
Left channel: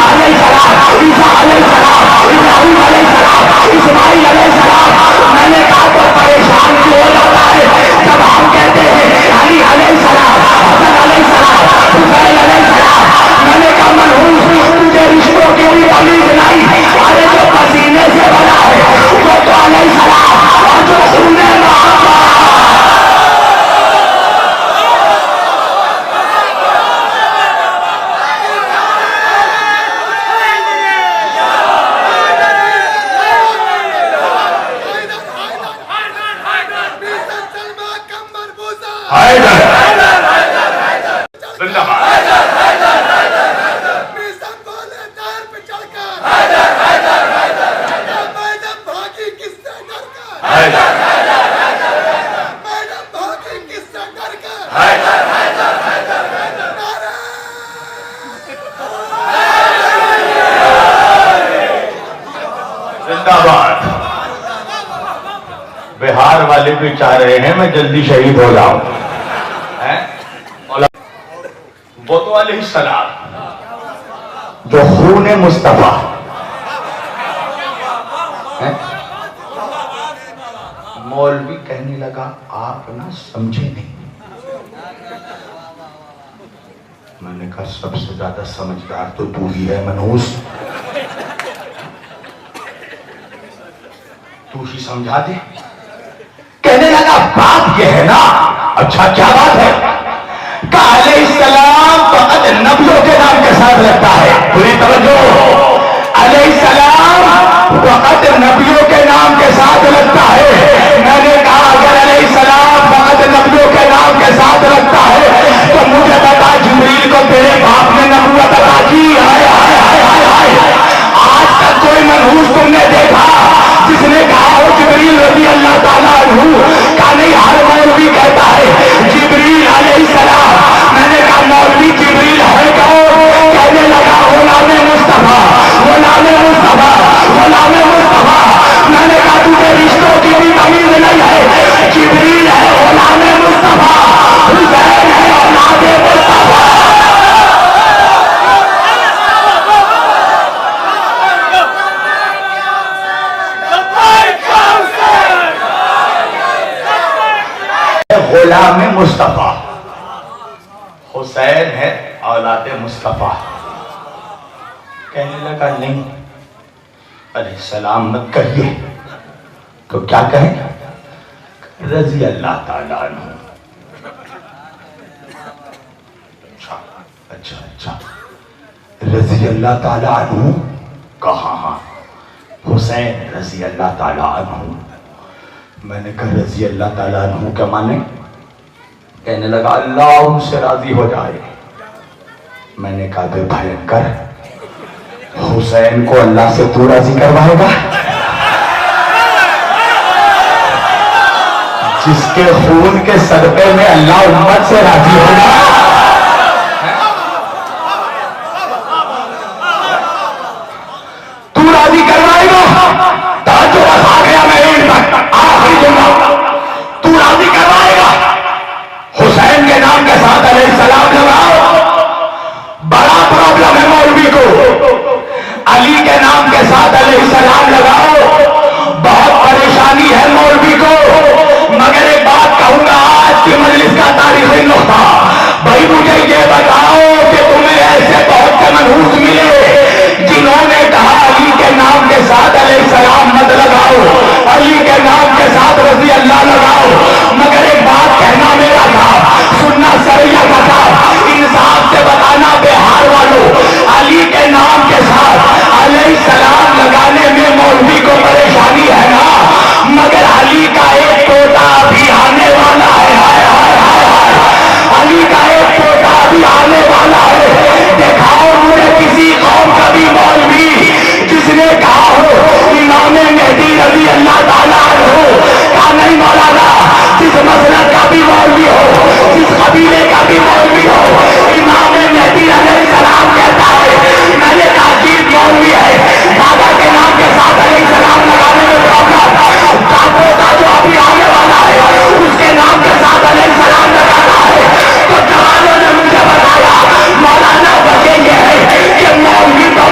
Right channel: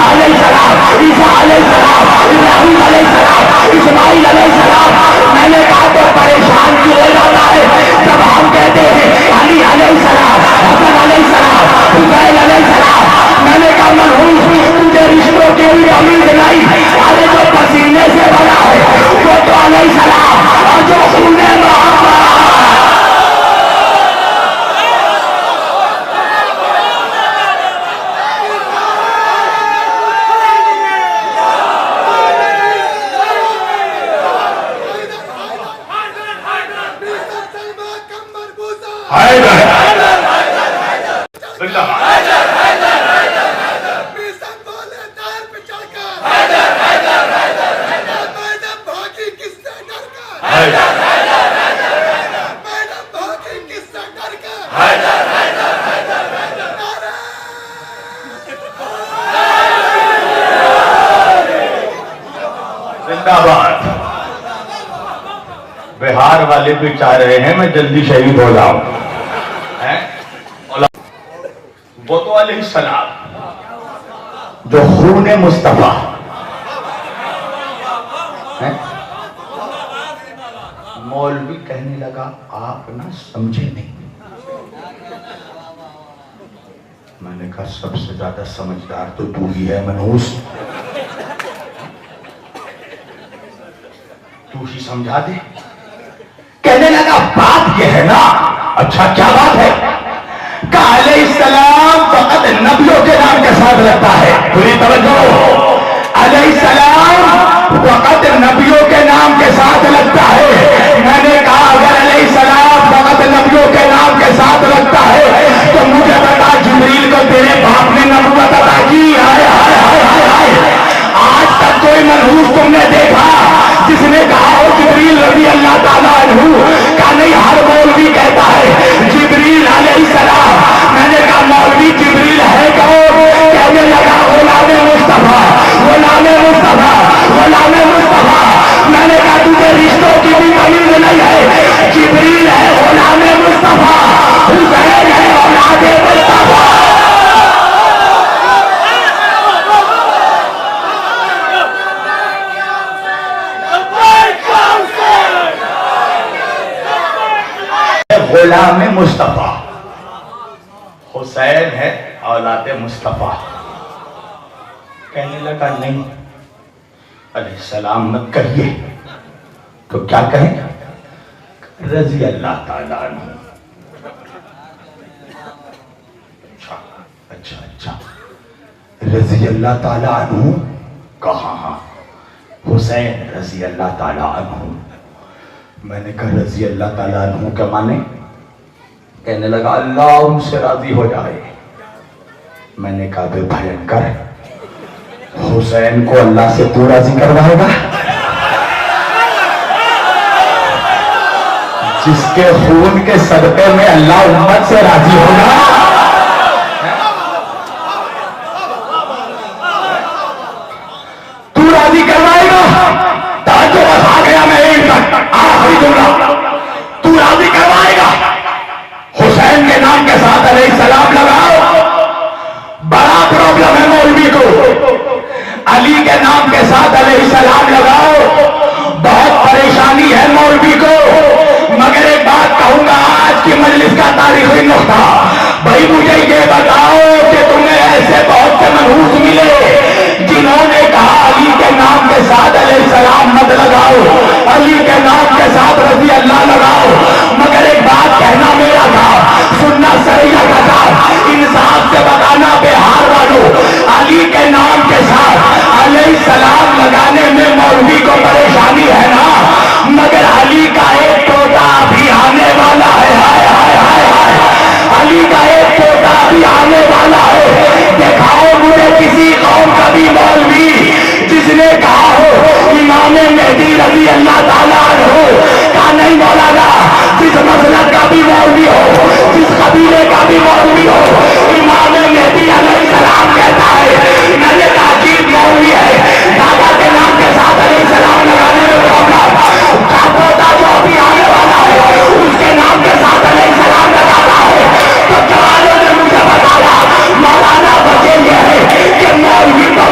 موسیٰ علیہ السلام، عیسیٰ علیہ السلام، ابراہیم علیہ السلام، اسماعیل علیہ السلام. میں نے کہا تو پریشان کیوں ہو جاتا ہے جب ہم کہتے ہیں علی علیہ السلام، حسن علیہ السلام، حسین علیہ السلام. میں نے کہا منحوس تجھے رشتوں کی بھی تمیز نہیں. ارے جو پسینے سے بنا ہے وہ تو علیہ السلام، اور جو خون محبت بہار والے بھی چاہ رہے ہیں میں جلدی شہید ہو جاؤں. وہ تو علیہ السلام جو خون مصطفیٰ مولوی کہنے لگا آپ نہ سمجھے نہیں. میں نے کہا سب سے زیادہ سمجھدار تو تو ہی ہے منحوس، تو ہی سمجھا دے. کہنے لگا بات یہ ہے نا. اچھا کیا بات ہے؟ کہ علیہ السلام فقط نبیوں کے نام کے ساتھ لگتا ہے. پوری توجہ. علیہ السلام فقط نبیوں کے نام کے ساتھ لگتا ہے. میں نے کہا اگر علیہ السلام فقط نبیوں کے نام کے ساتھ لگتا ہے تو مجھے بتا جبریل کو تیرے باپ نے نبوت عطا کی؟ ہائے ہائے ہائے ہائے ہائے. آج تک کوئی منحوس تم نے دیکھا جس نے کہا ہو جبریل رضی اللہ تعالیٰ عنہ کا؟ نہیں. ہر مولوی کہتا ہے جبریل علیہ السلام. میں نے کہا مولوی جبریل ہے کون؟ کہنے لگا غلام مصطفیٰ، غلام مصطفیٰ، غلام مصطفیٰ. میں نے کہا تجھے رشتوں کی بھی تمیز نہیں ہے. جبریل ہے غلام مصطفیٰ، حسین ہے اولاد مصطفیٰ. غلام مصطفیٰ، حسین ہے اولاد مصطفیٰ. کہنے لگا نہیں علیہ السلام مت کہیے. تو کیا کہیں؟ رضی اللہ تعالیٰ عنہ. اچھا رضی اللہ تعالیٰ عنہ کہاں؟ حسین رضی اللہ تعالیٰ عنہ. میں نے کہا رضی اللہ تعالیٰ عنہ کیا مانے؟ کہنے لگا اللہ ان سے راضی ہو جائے. میں نے کہا پھر بھینکر حسین کو اللہ سے تو راضی کروائے گا؟ جس کے خون کے صدقے میں اللہ امت سے راضی ہوگا. تو راضی کروائے گا؟ تاجو بس آ گیا میں ایک تک آخری جملہ. تو راضی کروائے گا؟ حسین کے نام کے ساتھ علیہ السلام لگاؤ. بڑا پرابلم ہے مولوی کو. علی کے نام کے ساتھ علیہ السلام لگاؤ. بہت پریشانی ہے مولوی کو. مگر ایک بات کہوں گا آج کی مجلس کا تاریخی نقطہ. بھائی مجھے یہ بتاؤ کہ تمہیں ایسے بہت سے منحوس ملے جنہوں نے کہا علی کے نام کے ساتھ علیہ السلام مت لگاؤ، علی کے نام کے ساتھ رضی اللہ لگاؤ. مگر ایک بات کہنا میرا تھا، سننا سریا کا تھا. انصاف سے بتانا بہار والوں، علی کے نام کے ساتھ علیہ السلام لگانے میں مولوی کو پریشانی ہے نا. مگر علی کا ایک پوتا بھی آنے والا ہے. ہائے ہائے ہائے ہائے. علی کا ایک پوتا بھی آنے والا ہے. دکھاؤ مجھے کسی قوم کا بھی مولوی جس نے کہا ہو امام مہدی رضی اللہ تعالیٰ عنہ کا نہیں مولانا. جس مسلک کا بھی مولوی ہو، جس قبیلے کا بھی مولوی ہو، امام مہدی علیہ السلام کہتا ہے میں نے تاکید مولوی ہے. دادا کے نام کے ساتھ علیہ السلام لگانے میں پرابلم. کا پوتا جو ابھی آنے والا ہے اس کے نام کے ساتھ علیہ السلام لگانا ہے. تو جوانوں نے مجھے بتایا مولانا وجہ یہ ہے کہ مولوی تو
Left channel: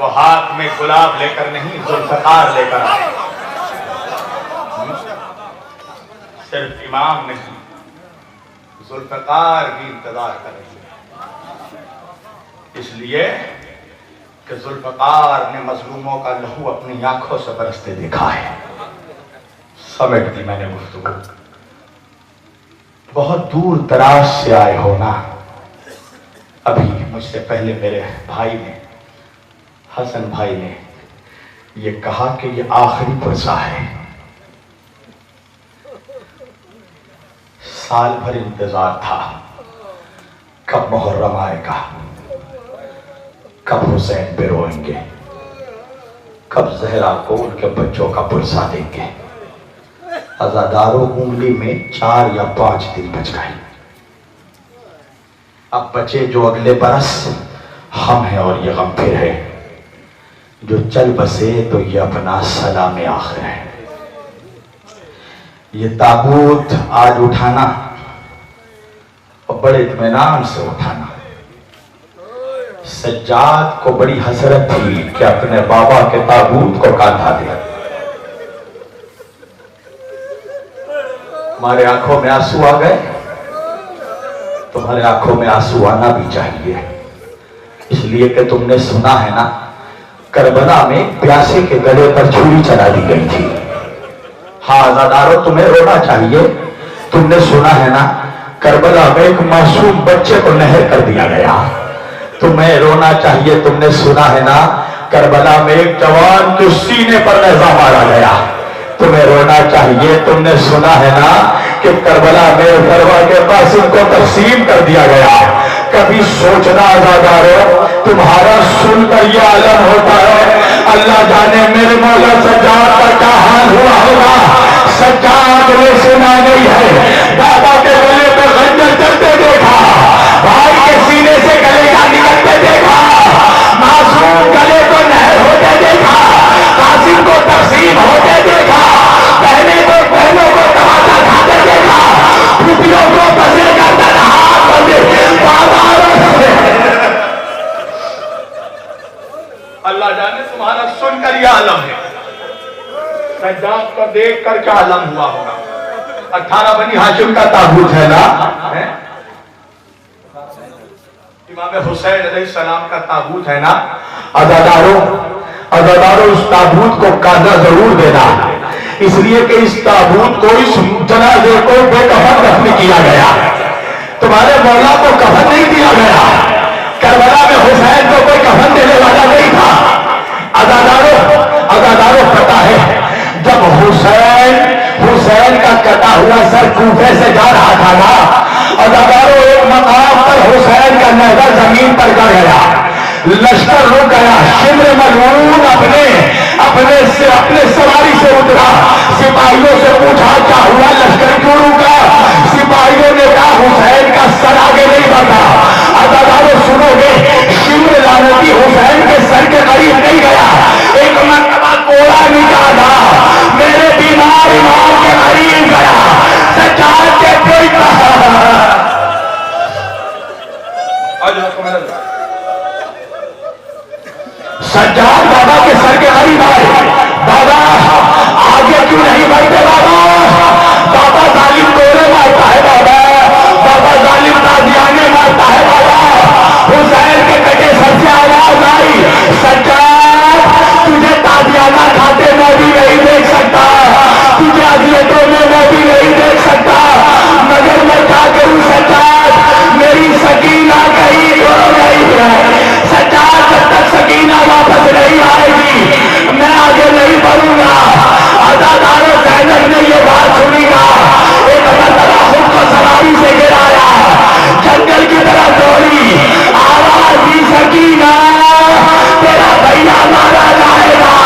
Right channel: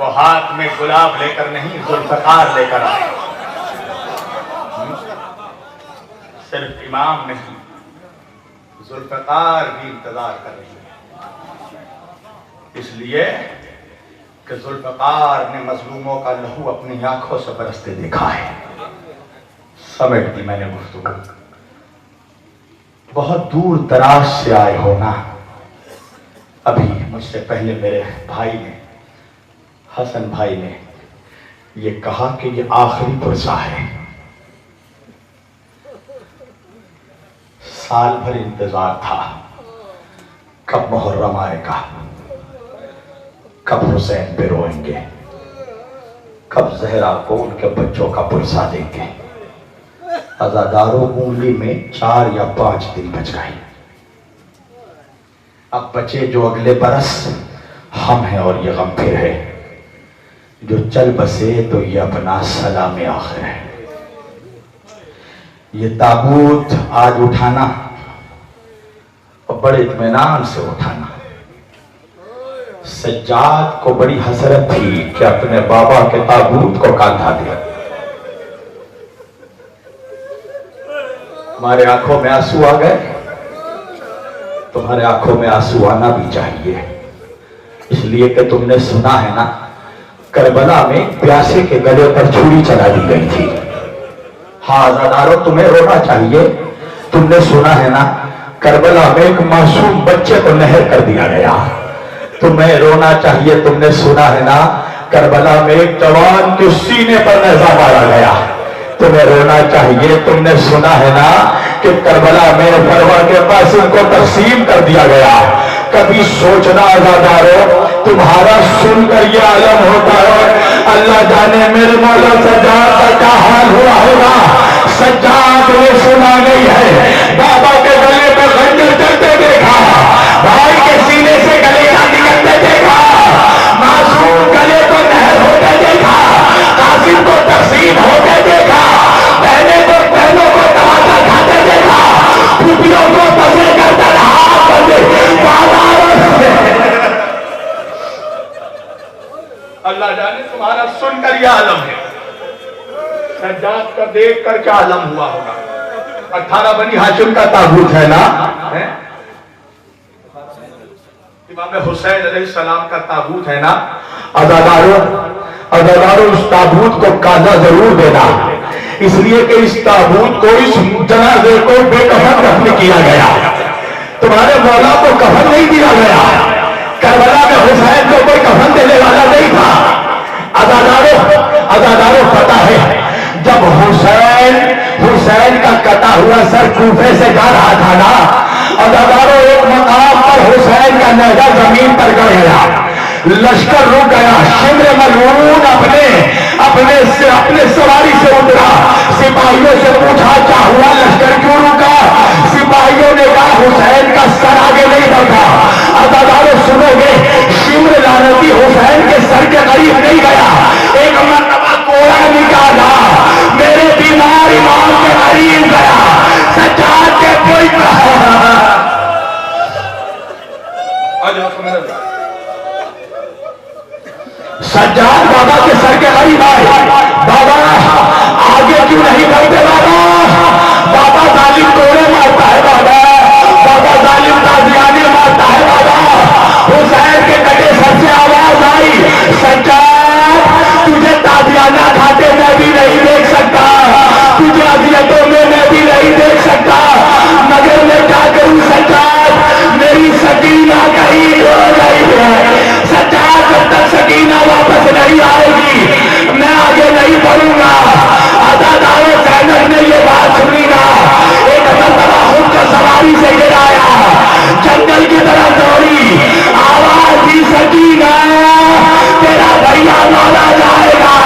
وہ ہاتھ میں گلاب لے کر نہیں ذوالفقار لے کر آئے. صرف امام نہیں ذوالفقار بھی انتظار کر رہی ہے، اس لیے کہ ذوالفقار نے مظلوموں کا لہو اپنی آنکھوں سے برستے دیکھا ہے. سمجھ دی میں نے گفتگو. بہت دور دراز سے آئے ہو نا. ابھی مجھ سے پہلے میرے بھائی نے، حسن بھائی نے یہ کہا کہ یہ آخری پرسہ ہے. سال بھر انتظار تھا کب محرم آئے گا، کب حسین پہ روئیں گے، کب زہرا کو ان کے بچوں کا پرسہ دیں گے. عزاداروں انگلی میں 4 یا 5 دن بچ گئے. اب بچے جو اگلے برس ہم ہیں اور یہ غم پھر ہے. جو چل بسے تو یہ اپنا سلام آخر ہے. یہ تابوت آج اٹھانا اور بڑے اطمینان سے اٹھانا. سجاد کو بڑی حسرت تھی کہ اپنے بابا کے تابوت کو کاندھا دیا. ہمارے آنکھوں میں آنسو آ گئے، تمہارے آنکھوں میں آنسو آنا بھی چاہیے، اس لیے کہ تم نے سنا ہے نا کربلا میں پیاسے کے گلے پر چھری چلا دی گئی تھی. ہاں عزادارو تمہیں رونا چاہیے. تم نے سنا ہے نا کربلا میں ایک معصوم بچے کو نہر کر دیا گیا. تمہیں رونا چاہیے. تم نے سنا ہے نا کربلا میں ایک جوان کے سینے پر نیزہ مارا گیا. تمہیں رونا چاہیے. تم نے سنا ہے نا کہ کربلا میں فروا کے قاسم کو تقسیم کر دیا گیا. کبھی سوچنا عزادارو تمہارا سن کر یہ عالم ہوتا ہے. اللہ جانے میرے مولا سجاد کا کیا حال ہوا ہوگا. سجاد نے سنا نہیں ہے بابا کے گلے پر خنجر چلتے دیکھا، بھائی کے سینے سے گلے کا نکلتے دیکھا، معصوم گلے کو نہر ہوتے دیکھا، قاسم کو تقسیم ہوتے دیکھا، بہنوں کو تماشا کھاتے دیکھا، پھوپھیوں کو پسے کرتے ہاتھ بندے بازاروں سے. اللہ جانے تمہارا سن کر یہ عالم ہے. سجاد کا دیکھ کر کیا عالم ہوا ہوگا. 18 بنی ہاشم کا تابوت ہے نا، امام حسین علیہ السلام کا تابوت ہے نا. عزادارو اس تابوت کو کاندھا ضرور دینا، اس لیے کہ اس تابوت کو، اس جنازے کو بے کفن دفن کیا گیا. تمہارے مولا کو کفن نہیں دیا گیا. کربلا میں حسین کو کوئی کفن دینے والا نہیں تھا. عزادارو پتہ ہے جب حسین کا کٹا ہوا سر کوفے سے جا رہا تھا نا، عزادارو ایک مقام پر حسین کا نیزہ زمین پر گر گیا، لشکر رک گیا. شمر ملعون اپنے سواری سے اترا، سپاہیوں سے پوچھا کیا ہوا، لشکر کیوں رکا؟ سپاہیوں نے کہا حسین کا سر آگے نہیں بڑھا. عزادارو سنو گے شمر لعنتی حسین کے سر کے قریب نہیں گیا. ایک مرتبہ کوڑا نکالا، میرے بیمار امام کے قریب گیا، سجاد کے کوئی سجاد بابا کے سر کے قریب آئے. بابا آگے کیوں نہیں بڑھتے؟ بابا ظالم کوڑے مارتا ہے. بابا ظالم تازیانے مارتا ہے. بابا حسین کے کٹے سر سے آواز آئی، سجاد تجھے تازیانہ کھاتے میں بھی نہیں دیکھ سکتا، تجھے اذیتوں میں بھی نہیں دیکھ سکتا، مگر میں کیا کروں سجاد، میری سکینہ کہیں ہو گئی ہے. سجاد جب تک سکینہ واپس نہیں آئے گی میں آگے نہیں بڑھوں گا. عزادارو زینب نے یہ بات سنی گا. ایک مرتبہ خود کو سواری سے گرایا، جنگل کی طرف دوڑی، آواز دی سکینہ تیرا بھیا مارا جائے گا،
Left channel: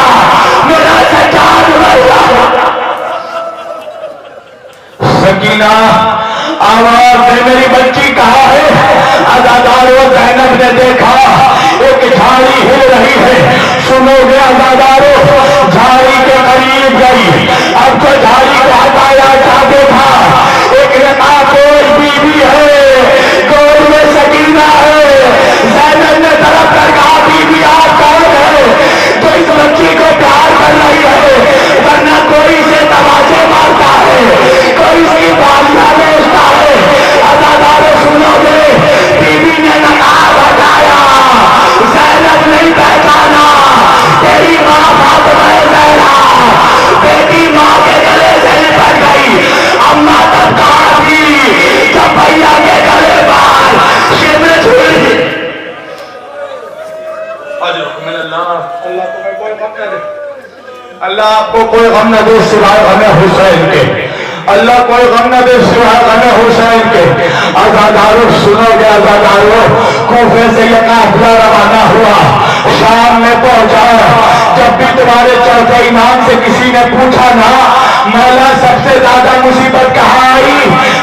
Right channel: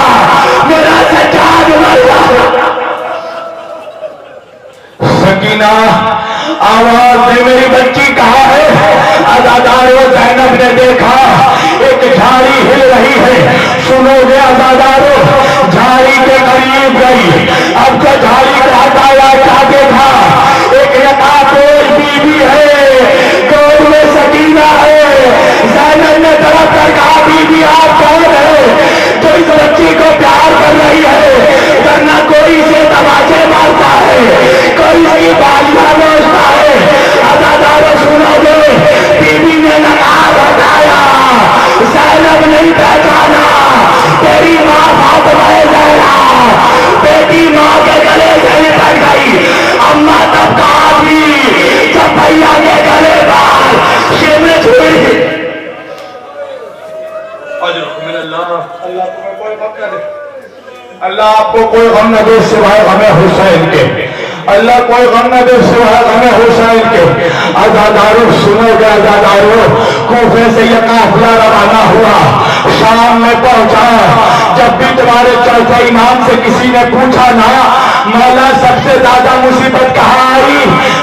میرا سجاد مارا. سکینہ آواز دے میری بچی کہاں ہے؟ عزادارو زینب نے دیکھا ایک جھاڑی ہل رہی ہے. سنو گے عزادارو جھاڑی کے قریب گئی. اب جو جھاڑی کو ہٹایا کیا دیکھا؟ ایک یتیم بیوی ہے، گود میں سکینہ ہے. زینب نے طرف کر کہا بیوی آپ کون ہے؟ اللہ تمہیں کوئی غم نہ دے، اللہ آپ کو کوئی غم نہ دے سوائے غم حسین کے، اللہ کوئی غم نہ دے سوائے غم حسین کے۔ عزادارو سنو گے عزادارو، کوفے سے یہ قافلہ روانہ ہوا، شام میں پہنچا۔ جب بھی تمہارے چوتھے امام سے کسی نے پوچھا نا مولا سب سے زیادہ مصیبت کہاں آئی،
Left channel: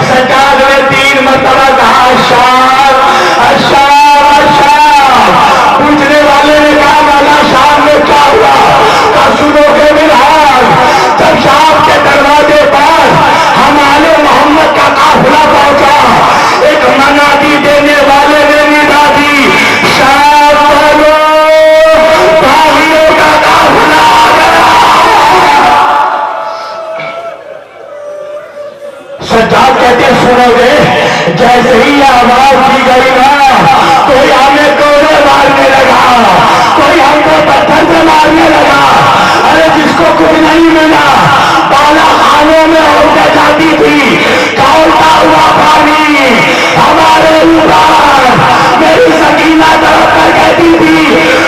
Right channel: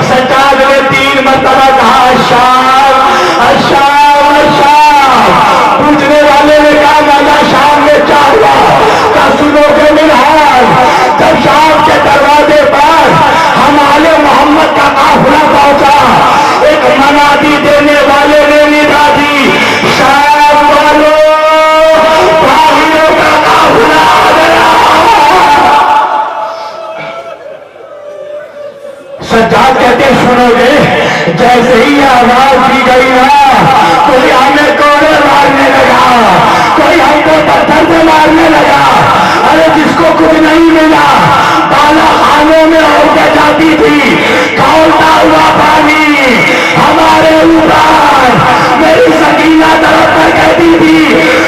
سجاد نے 3 مرتبہ کہا اشار اشار اشار۔ پوچھنے والے نے کہا مولا شام میں کیا ہوا، کیا سنو گے منہاج؟ جب شام کے دروازے پر ہم آل محمد کا قافلہ پہنچا، ایک منادی دینے والے نے ندا دی، شام والو باغیوں کا قافلہ آ گیا۔ سجاد کہتے سنو گے، جیسے ہی آواز دی گئی نا کوئی ہمیں کوڑے مارنے لگا، کوئی ہم کو پتھر سے مارنے لگا۔ ارے جس کو کچھ نہیں ملا بالا خانوں میں ہوتے جاتی تھی کھولتا ہوا پانی ہمارے اوپر۔ میری سکینہ طرف کر کہتی تھی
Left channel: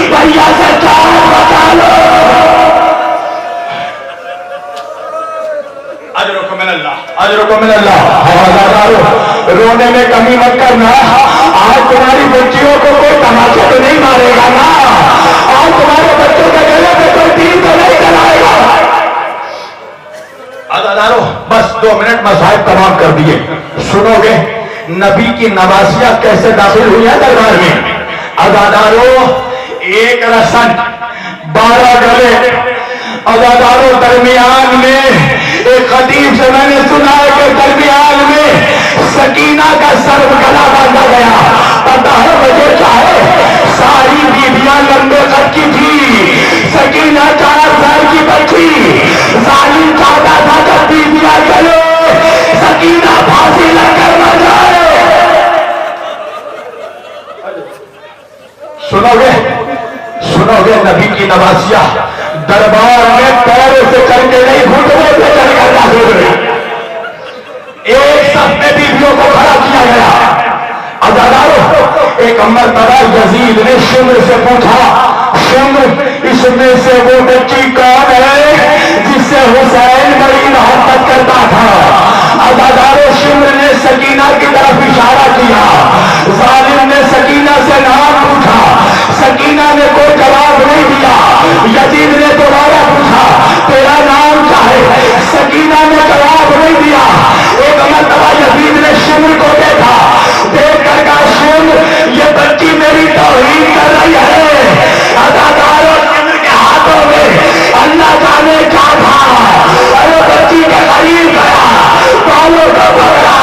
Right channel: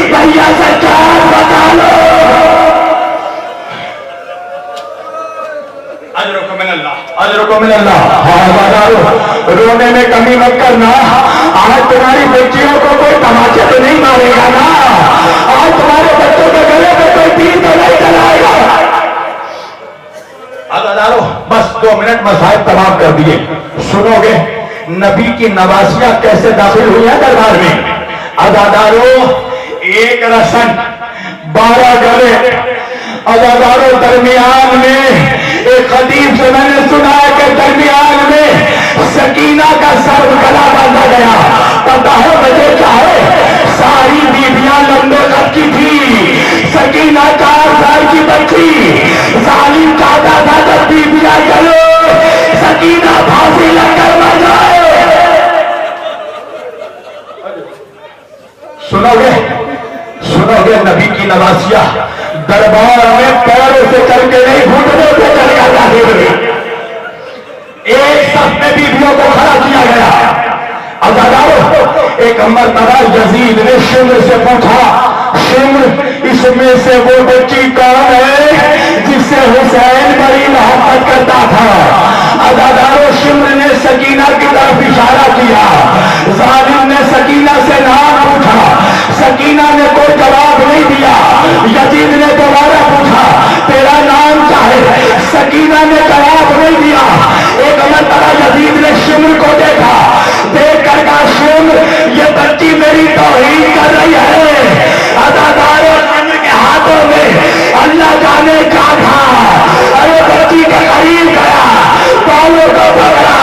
بھیا سجاد بتا لو۔ اجرکم من اللہ، اجرکم من اللہ۔ رونے میں کمی مت کرنا، آج تمہاری بچیوں کو کوئی تماچے تو نہیں مارے گا نا، آج تمہارے بچوں کے گلے پہ کوئی تیر تو نہیں چلائے گا۔ عزادارو بس 2 منٹ مصائب تمام کر دیے۔ سنو گے نبی کی نواسیاں کیسے داخل ہوئی ہیں دربار میں۔ عزادارو 1 رسن 12 گلے۔ عزادارو درمیان میں ایک خطیب سے میں نے سنا ہے کہ درمیان میں سکینہ کا سر گلا باندھا گیا۔ پتہ ہے وجہ کیا ہے؟ ساری بیویاں لمبے قد کی تھی، سکینہ 4 سال کی بچی۔ ظالم چاہتا تھا جب بیویاں گلے سکینہ پھانسی لگ کر مر جائے۔ سنو گے نبی کی نواسیاں دربار میں پیر سے چل کے نہیں گھٹنوں سے چل کر داخل ہوئے۔ ایک صف میں بیویوں کو کھڑا کیا گیا۔ عزادارو ایک مرتبہ یزید نے شمر سے پوچھا شمر اس میں سے وہ بچی کون ہے جس سے حسین بڑی محبت کرتا تھا؟ عزادارو شمر نے سکینہ کی طرف اشارہ کیا۔ ظالم نے سکینہ سے نام پوچھا، سکینہ نے کوئی جواب نہیں دیا۔ یزید نے دوبارہ پوچھا تیرا نام کیا ہے؟ سکینہ نے جواب نہیں دیا۔ ایک مرتبہ یزید نے شمر کو دیکھا، دیکھ کر کہا شمر یہ بچی میری توہین کر رہی ہے۔ عزادارو شمر کے ہاتھوں میں اللہ جانے کیا تھا، ارے بچی کے قریب گیا، بالوں کو پکڑا،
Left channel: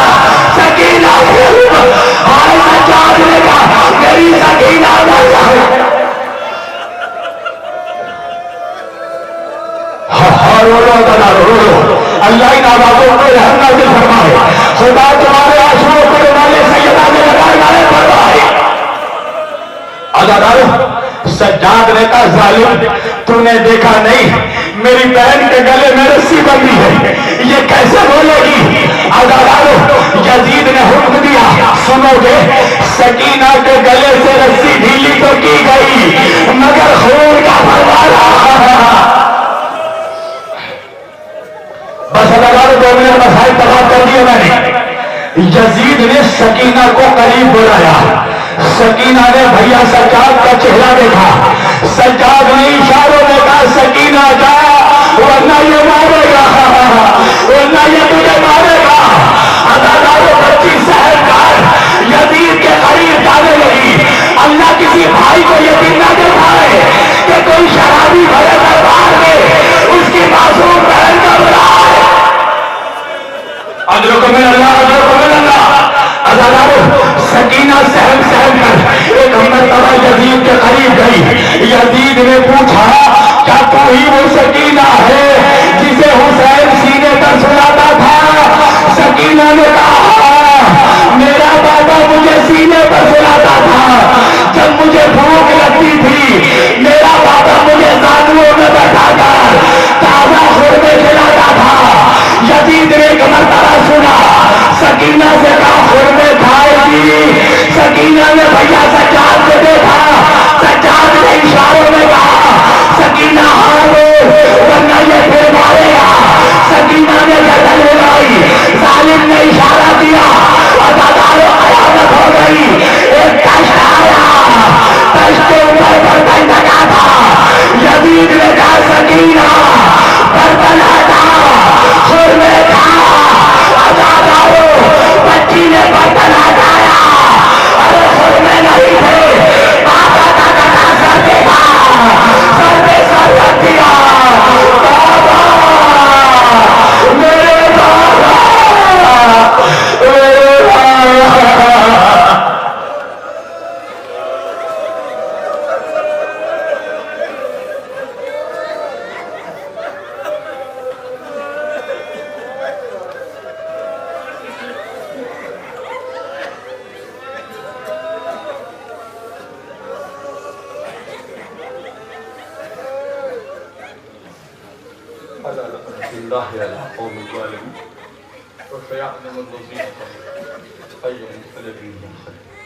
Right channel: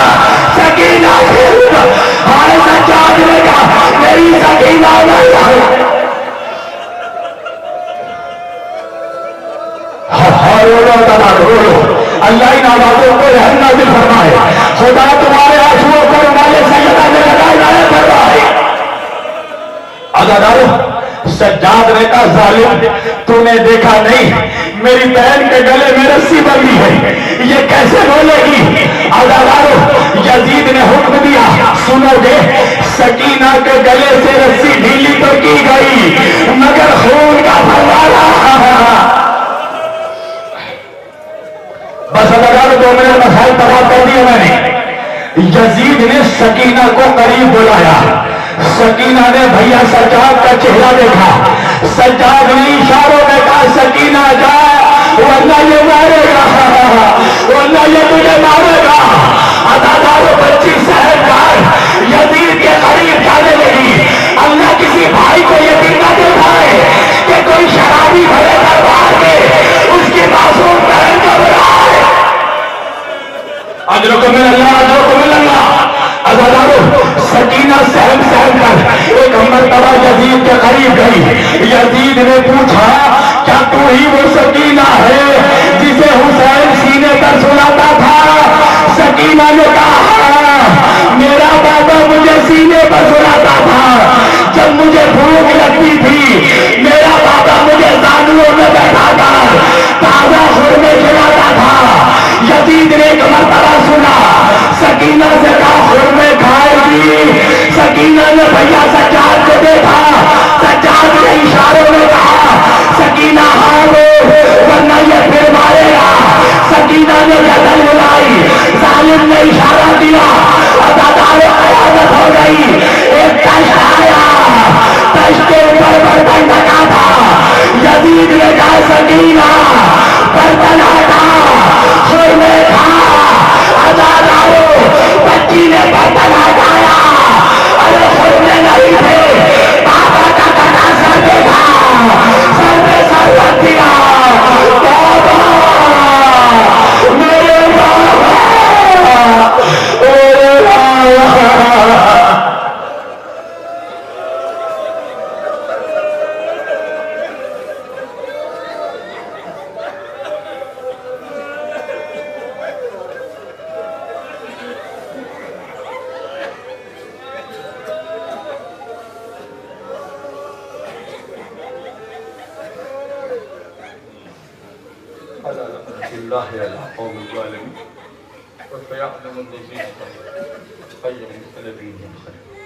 سکینہ ہائے سجاد نے کہا میری سکینہ نہیں۔ اللہ ان آبادوں کو رحم نازل فرمائے، خدا تمہارے آنسوؤں کو رومال سیدہ میں لگائے فرمائے۔ عزادارو سجاد نے کہا ظالم تو نے دیکھا نہیں میری بہن کے گلے میں رسی بندھی ہے، یہ کیسے بولے گی؟ عزادارو یزید نے حکم دیا سنو گے سکینہ کے گلے سے رسی ڈھیلی تو کی گئی مگر خون کا فوارہ۔ بس عزادارو 2 منٹ مسائل تمام کر دیے میں نے۔ یزید نے سکینہ کو قریب بلایا، سکینہ نے بھیا سجاد کا چہرہ دیکھا، سجاد نے اشاروں میں کہا سکینہ جا ورنہ یہ مارے گا، ورنہ یہ تجھے مارے گا۔ عزادارو بچی سہر کر یزید کے قریب جانے لگی۔ اللہ کسی بھائی کو یقین نہ دکھائے کہ کوئی شرابی بھرے دربار میں اس کی معصوم بہن کا برائے۔ اجرکم من اللہ، اجرکم من اللہ۔ عزادارو سکینہ سہم کر ایک مرتبہ یزید کے قریب گئی۔ یزید نے پوچھا کیا تو ہی وہ سکینہ ہے جسے حسین سینے پر سلاتا تھا؟ سکینہ نے کہا میرا بابا مجھے سینے پر سلاتا تھا، جب مجھے بھوک لگتی تھی میرا بابا مجھے زانووں میں بیٹھا کر تازہ خورمے کھلاتا تھا۔ یزید نے ایک مرتبہ سنا، سکینہ سے کہا خورمے کھائے گی؟ سکینہ نے بھیا سجاد کو دیکھا، سجاد نے اشاروں میں کہا عالم نے اشارہ دیا، عزادارو قیامت ہو گئی، ایک تشت آیا، تشت کے اوپر برتن رکھا تھا، یزید نے کہا سکینہ برتن ہٹا، خورمے کھا، عزادارو بچی نے برتن ہٹایا، ارے خورمے نہیں تھے، بابا کا کٹا سر دیکھا، سر پہ سر رکھ دیا، بابا میرے بابا میرے بابا۔ الله على قوم الظالمين وسيعلم الذين كفروا أي منقلب ينقلب